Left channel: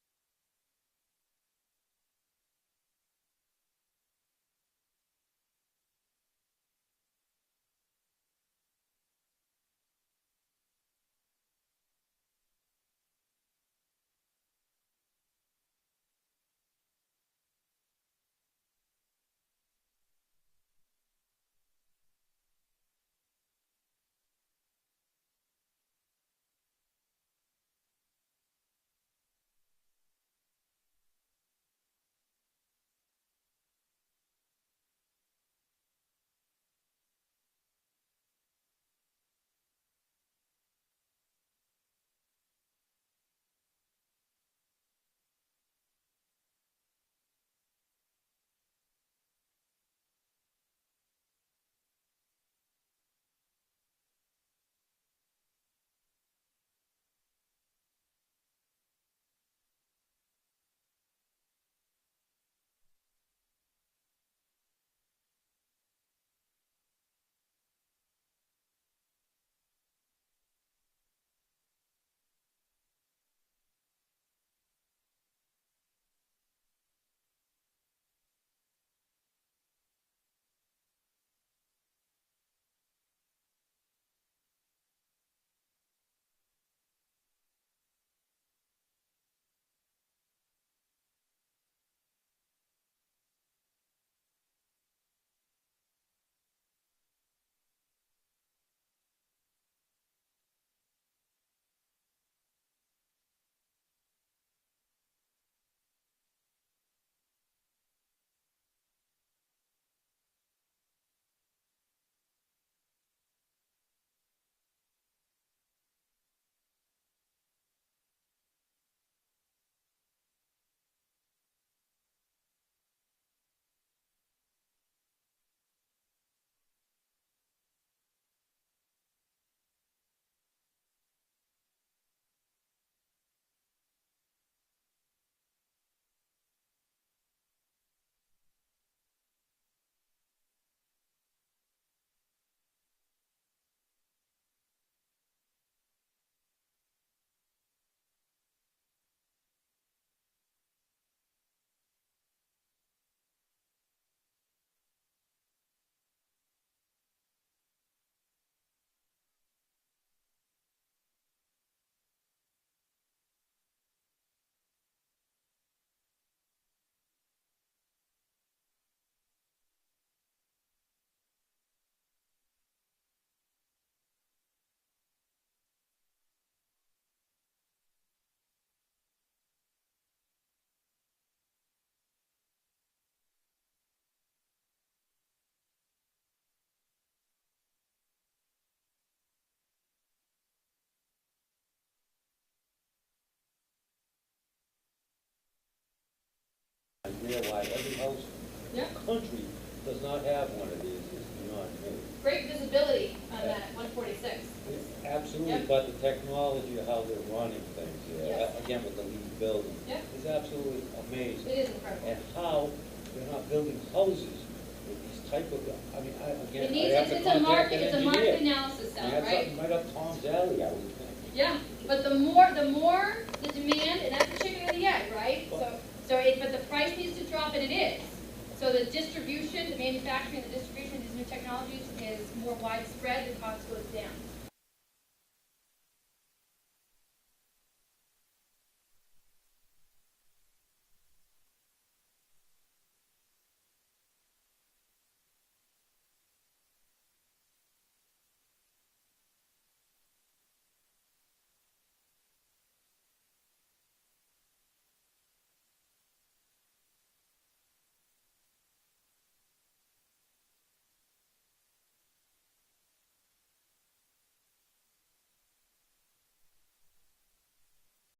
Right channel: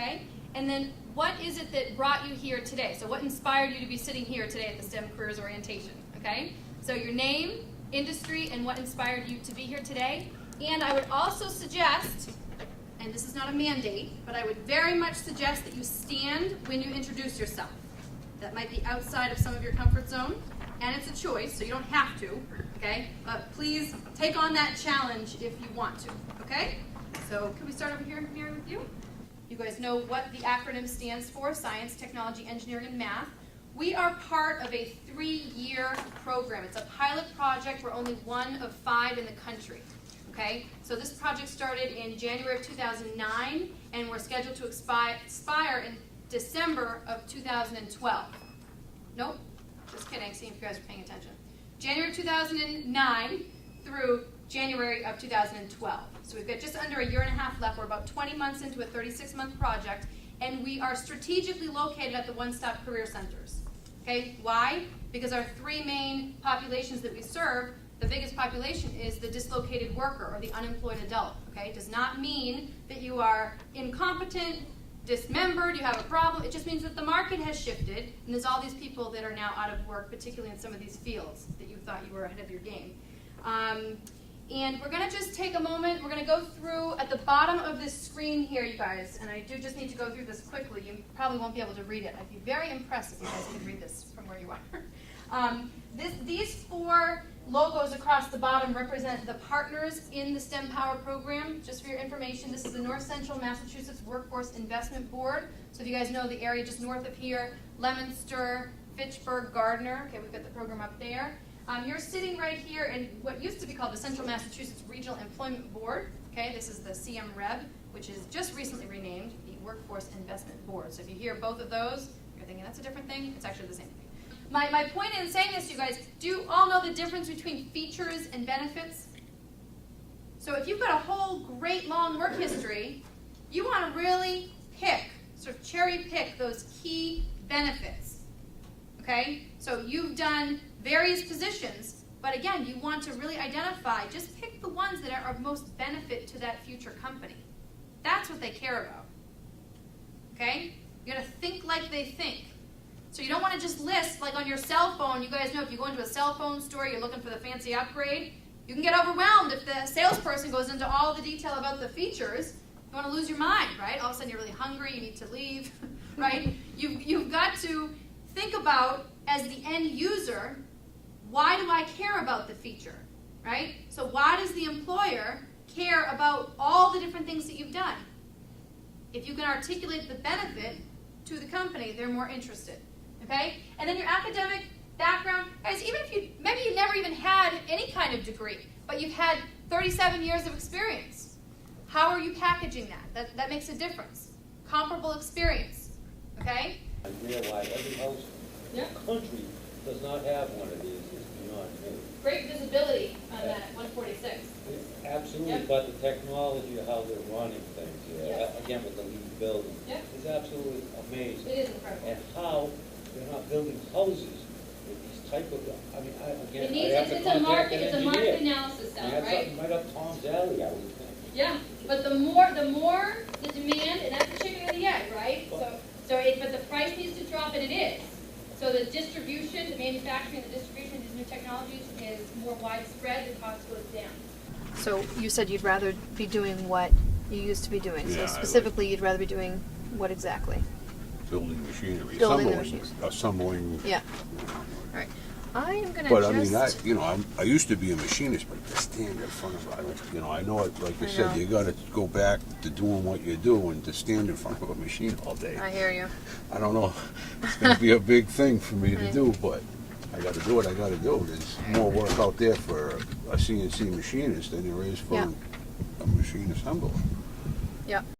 okay? And then what is it that brought you here today? So what inspired you to be sitting here today at the STEM Careers Orientation, okay? So your name, industry, and what inspired you to be here today. And I would also suggest, and this is not a mandate, but I would very much suggest that you stand when you introduce yourself. That might be outside of some of your comfort zone, and it's a choice, so you don't have to, okay? But please take on that challenge if you want to, okay? So can we start over here, Mary, with you? You guys know what the acronym stands for, Science, Technology, Engineering, and Math. We are part of a 3-year program. It's a pilot project. We're only one of 5 in the country, okay? So this project started in January of 2009, and we're scheduled to expire in December of 2012. Nope, just kidding, see if you guys are paying attention. January 2009 through January of 2012. So we've got just under a year and a half left. We're about 20 months into a 36-month project, and we are strategically located at the one-stop career centers. Okay, why? Because our 3 main populations that we serve, the biggest population is the dislocated worker or the unemployed adult. Okay, it does not mean that you are incompetent, dismembered, you have a problem. It just means that the market has shifted, and there's all these people that are now out of work, particularly in some of these fields that you thought you were ahead of your game. And we're going to just take a moment. We're going to go through at the bottom of this screen here, you guys, and I do just need to go through this quickly. You probably won't be able to read it. I'd be very impressed if you guys could read this from where you are. These 4 logos across the bottom represent the partners in the StemPower program. Just for your information, this is the North Central Massachusetts Workforce Investment Board. So if you guys know the area just north of here, Leominster, Fitchburg, Gardner. Okay, we've got the program up there. You're sitting right here in what used to be called the Central Massachusetts Regional Employment Board. Okay, this is the CMREB, which is just recently renamed the Workforce Investment Board. So if you hear both of those, you're thinking that's a different thing. It's actually the same thing. My point in saying this, you guys, do you all know the difference between features and benefits? So if you've got a whole great long work history, you want to really pick, sort of cherry pick those key benefits. Okay, so you've done various positions, but again, you want to really identify, just pick the ones that are of most benefit to that future company. That's what they care about. Okay? You gotta think like they think. So you don't want to just list, like on your cell phone. You guys know if you go into a cell phone store, you're looking for the fancy upgrade, you can get overwhelmed if the salesperson goes into all the detail about the features. You want to lose your mind, right? All of a sudden you're really hungry, you need to leave, right? You've got to think about, as the end user, why do I care about the feature, right? So why does the employer care about all the different things that you've done? If you can articulate the benefit to the company, they're more interested, okay? And then your academic background, guys, even if maybe you never even had any kind of degree, but you've had 37 years of experience. How are you packaging that? That makes a difference. Comparable experience, okay? I realize every house in the country does not have one of these. It's beyond me. Great visibility on that 146. Absolutely, Yep. but the technology of how they're running things here, Yes. again with the lead building, Yep. is absolutely amazing. It is incredible. And how they're not building houses with these type of, I mean, It needs, it's a market analysis cell, That's right? something right up Tom's alley, I would think. Yeah, but the more the demand, and that's the chicken and the egg, right? But the price needs to drop, and it is. So the distribution, the manufacturing, the distribution of these new technologies is more widespread, the cost goes down. So you said you'd rather be doing what you used to be doing. Yeah, So specifically, you'd rather be doing what exactly? Building machinery, Building the machines. assembling. Yeah. All right. I am going to But I mean, I used to be a machinist, but to stand in front of, I know it, like you I said, know. you got to go back to doing what you do, and to stand in front of a machine all day. I hear you. I don't know, it's going to be a big thing for me to do, but I got to do what I got to do. There's more work out there for a CNC machinist than there is for Yeah. a machine assembler. Yeah.